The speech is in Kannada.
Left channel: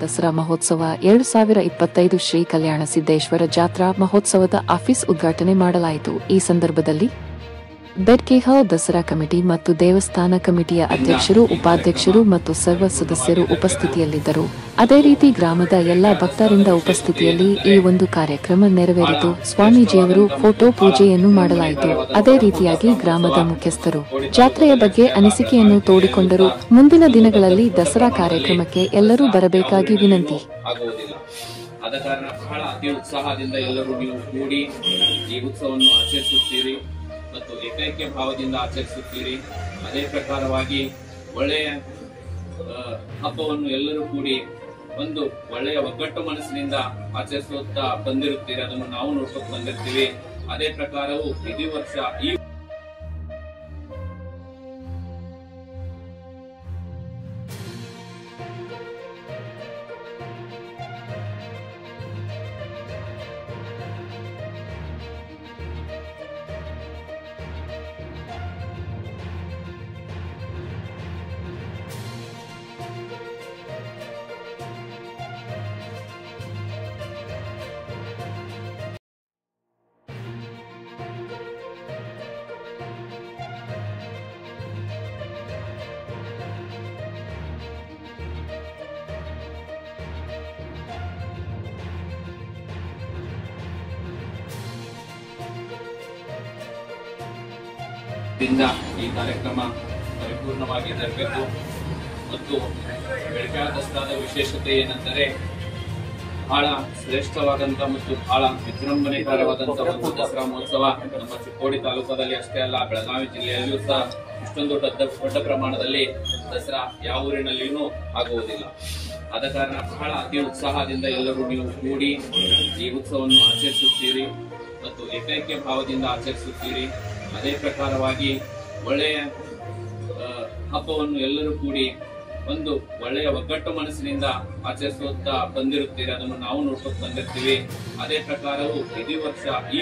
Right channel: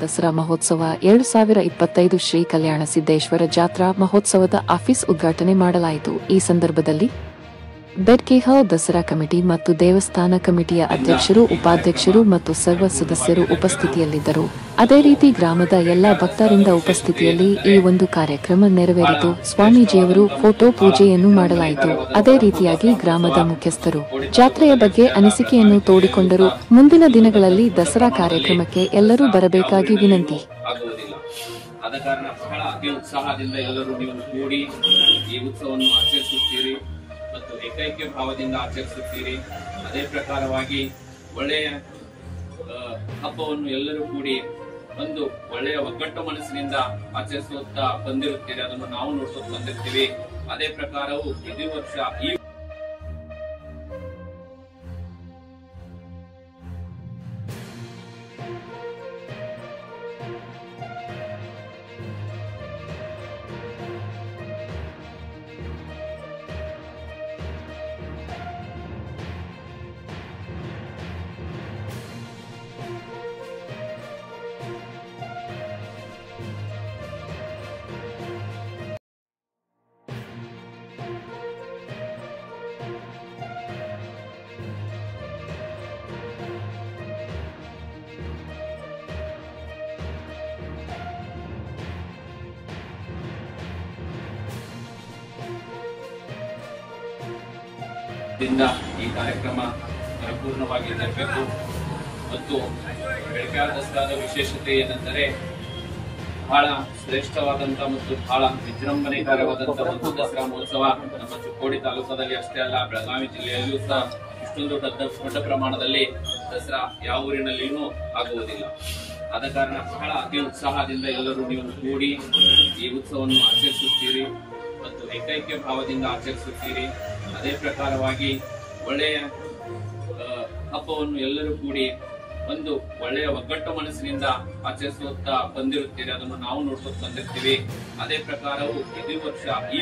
ದಸರಾ ಮಹೋತ್ಸವ 2025 ಶ್ರೀ ಕಲ್ಯಾಣ ಸಿದ್ದೇಶ್ವರ ಜಾತ್ರಾ ಮಹೋತ್ಸವದ ಆಫೀಸ್ ಉದ್ಘಾಟನೆ ಮಾಡಲಾಯಿತು. ಈ ಸಂದರ್ಭದಲ್ಲಿ ಬೆಡ್ಕೇಹೌ ದಸರಾ ಕಮಿಟಿ ಮತ್ತು ದೇವಸ್ಥಾನ ಕಮಿಟಿಯ ಅಧ್ಯಕ್ಷರು, ಉಪಾಧ್ಯಕ್ಷರು ಮತ್ತು ಸರ್ವ ಸದಸ್ಯರು ಉಪಸ್ಥಿತಿಯಲ್ಲಿದ್ದರು. ಅದೇ ರೀತಿ ಗ್ರಾಮದ ಎಲ್ಲ ಭಕ್ತರಿಂದ ಉಪಸ್ಥಿತಿಯಲ್ಲಿ ಈ ಒಂದು ಕಾರ್ಯಕ್ರಮ ನೆರವೇರಿತು. ಸ್ವಾಮೀಜಿಯವರು ಫೋಟೋ ಪೂಜೆಯನ್ನು ಮಾಡಲಾಯಿತು. ಅದೇ ರೀತಿಯಾಗಿ ಗ್ರಾಮದ ಮುಖ್ಯಸ್ಥರು ಜಾತ್ರೆಯ ಬಗ್ಗೆ ಅನಿಸಿಕೆಯನ್ನು ತೋಡಿಕೊಂಡರು. ಮುಂದಿನ ದಿನಗಳಲ್ಲಿ ದಸರಾ ಕಾರ್ಯಕ್ರಮಕ್ಕೆ ಎಲ್ಲರೂ ಬರಬೇಕಾಗಿ ವಿನಂತಿ. ಆದ ಕಾರಣ ಬಹಳ ಅತಿ ಉತ್ಸಾಹದಿಂದ ಎಲ್ಲರೂ ನೀವು ಕೂಡಿ ಈ ಉತ್ಸವವನ್ನು ಆಚರಿಸುತ್ತೀರಿ ಮತ್ತು ಏಕೈಕ್ಯ ಭಾವದಿಂದ ಆಚರಿಸುತ್ತೀರಿ. ಅದೇ ಪ್ರಕಾರವಾಗಿ ಒಳ್ಳೆಯ ಹಬ್ಬವನ್ನು ಎಲ್ಲರೂ ಕೂಡಿ ಒಂದು ಒಳ್ಳೆಯ ಒಗ್ಗಟ್ಟು ಮನಸ್ಸಿನಿಂದ ಆಚರಿಸುತ್ತಾ ಬಂದಿರುತ್ತೀರಿ. ಅದನ್ನು ನಾವು ನೋಡ್ಕೊಂಡು ಬಂದಿರ್ತೀವಿ. ಅದೇ ಪ್ರಕಾರವು ಇದೇ ವರ್ಷ ಈ ಈ ಕಾರ್ಯಕ್ರಮ ಪರಿಪೂರ್ಣವಾಗಿ ಜರಬೇಕು. ಮತ್ತು ಬೆಳಗಾವಿ ದಸರಾದ ವಿಶೇಷತೆ ಏನೆಂದರೆ ಬಹಳ ಶ್ರೇಷ್ಠವಾದಂತಹ ಮತ್ತು ಬಹಳ ವಿಜೃಂಭಣೆಕರವಾದಂತಹ ಒಂದು ದಸರಾ ಮಹೋತ್ಸವ ನಮ್ಮ ಚಿಕ್ಕೋಡಿ ತಾಲೂಕದಲ್ಲಿ ಅಷ್ಟೇ ಅಲ್ಲ, ಬೆಳಗಾವಿ ಜಿಲ್ಲೆಯಲ್ಲಿಯೂ ಸಹ ಇಷ್ಟೊಂದು ದೊಡ್ಡ ಪ್ರಮಾಣದಲ್ಲಿ ದಸರಾ ಯಾವ ಊರಿನಲ್ಲಿಯೂ ಆಗುವುದಿಲ್ಲ. ಆದ ಕಾರಣ ಬಹಳ ಅತಿ ಉತ್ಸಾಹದಿಂದ ಎಲ್ಲರೂ ನೀವು ಕೂಡಿ ಈ ಉತ್ಸವವನ್ನು ಆಚರಿಸುತ್ತೀರಿ ಮತ್ತು ಏಕೈಕ್ಯ ಭಾವದಿಂದ ಆಚರಿಸುತ್ತೀರಿ. ಅದೇ ಪ್ರಕಾರವಾಗಿ ಒಳ್ಳೆಯ ಹಬ್ಬವನ್ನು ಎಲ್ಲರೂ ಕೂಡಿ ಒಂದು ಒಳ್ಳೆಯ ಒಗ್ಗಟ್ಟು ಮನಸ್ಸಿನಿಂದ ಆಚರಿಸುತ್ತಾ ಬಂದಿರುತ್ತೀರಿ. ಅದನ್ನು ನಾವು ನೋಡ್ಕೊಂಡು ಬಂದಿರ್ತೀವಿ. ಅದೇ ಪ್ರಕಾರವು ಇದೇ ವರ್ಷ ಈ